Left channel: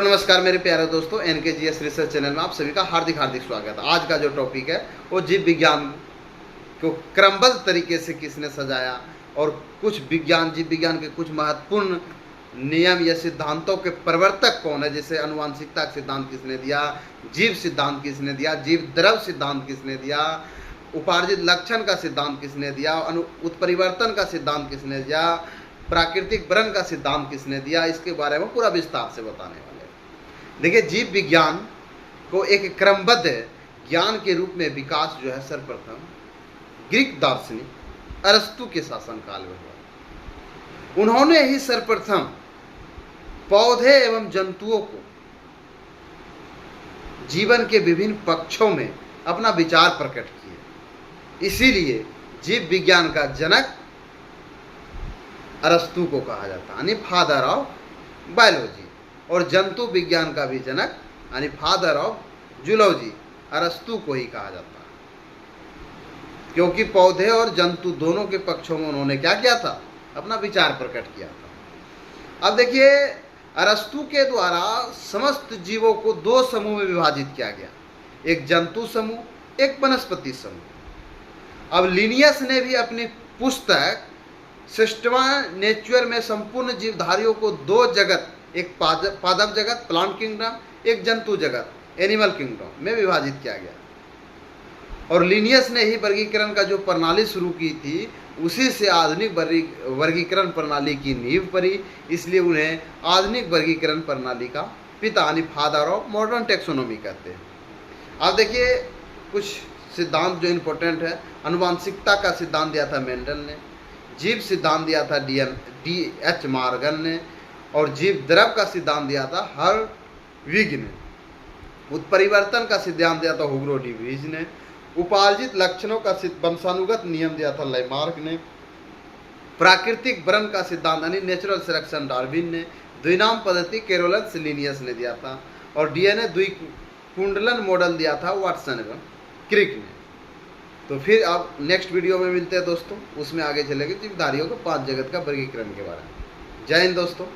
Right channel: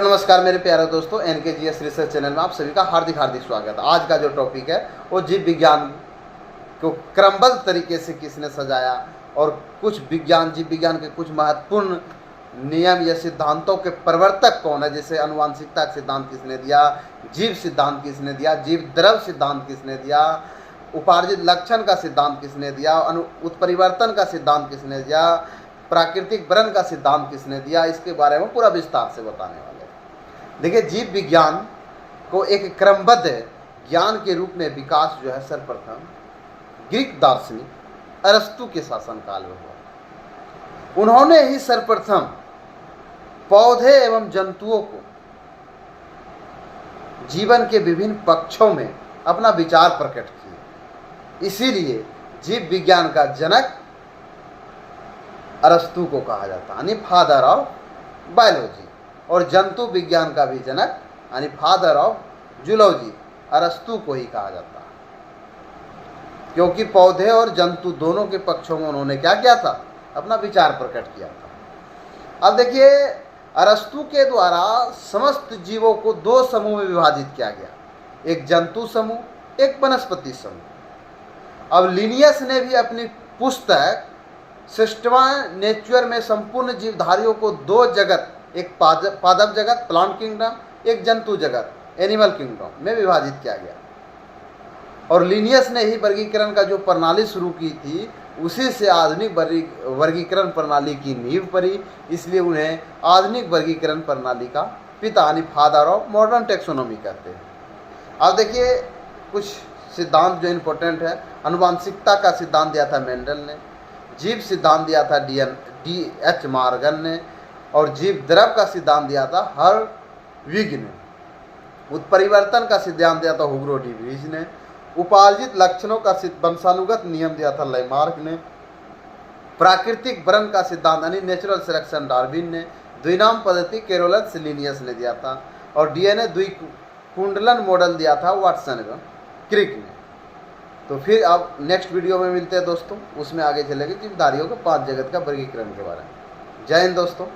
नमस्कार मेरे प्यारे दोस्तों, NKGS रिसर्च चैनल में आप सभी का हार्दिक हार्दिक स्वागत है। आज का जो टॉपिक है वो जीव विज्ञान को क्रमबद्ध तरीके से किसने सजाया और कुछ जीव विज्ञान के कुछ महत्वपूर्ण नियम या सिद्धांतों के प्रवर्तक कौन है। जैसे आनुवांशिकता का सिद्धांत किसने दिया, जीव सिद्धांत किसने दिया, जीव द्रव सिद्धांत किसने दिया, उपार्जित लक्षण का सिद्धांत किसने दिया, उत्परिवर्तन का सिद्धांत किसने दिया, प्राकृतिक वर्ण का सिद्धांत किसने दिया, इसके बारे में पूरा विस्तार से बताने वाले हैं। देखिए, जीव विज्ञान को एक क्रमबद्ध ज्ञान के रूप में विकास जो है सर्वप्रथम ग्रीक दार्शनिक अरस्तु के शासनकाल में हुआ। उन्होंने ही सर्वप्रथम पौधे एवं जंतुओं को जीवन के विभिन्न पक्षों में अपना विचार प्रकट किए। इसीलिए जीव विज्ञान का जनक अरस्तु को कहा जाता है, यानी फादर ऑफ बायोलॉजी, और जंतु विज्ञान का भी जनक यानी फादर ऑफ जूलॉजी अरस्तु को ही कहा जाता है, क्योंकि पौधे और जंतु दोनों के पक्षों में उन्होंने क्या किया था, अपना विचार प्रकट किया था। अब देखिए, अरस्तु के द्वारा समस्त जीवों को दो समूह में विभाजित किया गया, एक जंतु समूह, एक वनस्पति समूह। अब लिनियस ने भी अपनी पुस्तक सिस्टमा नेचर में संपूर्ण जीवधारियों को दो जगत, एक पादप जगत प्लांट किंगडम, एक जंतु जगत एनिमल किंगडम में विभाजित किया गया। और लिनियस ने ही वर्गीकरण का जो प्रणाली शुरू की थी, उसी से आधुनिक वर्गीकरण प्रणाली की नींव पड़ी। इसलिए उन्हें आधुनिक वर्गीकरण प्रणाली का पिता यानी फादर ऑफ मॉडर्न टेक्सोनॉमी कहते हैं। अब देखिए, कुछ सिद्धांत जो इम्पोर्टेंट है। आनुवांशिकता का सिद्धांत दिया था मेंडल ने, जीव सिद्धांत दिया था D.H. मॉर्गन ने, और जीव द्रव का सिद्धांत दिया था हर्विग ने। उत्परिवर्तन का सिद्धांत दिया था हुगो डी वीज ने। उपार्जित लक्षणों का वंशानुगत नियम दिया था लैमार्क ने। प्राकृतिक वर्ण का सिद्धांत यानी नेचुरल सिलेक्शन डार्विन ने। द्विनाम पद्धति कैरोलस लिनियस ने दिया था, और DNA द्विकुंडलन मॉडल दिया था वाटसन एवं क्रिक ने। तो फिर अब नेक्स्ट वीडियो में मिलते हैं दोस्तों, उसमें आगे चलेंगे जीवधारियों को 5 जगत का वर्गीकरण के बारे में। जय हिंद दोस्तों।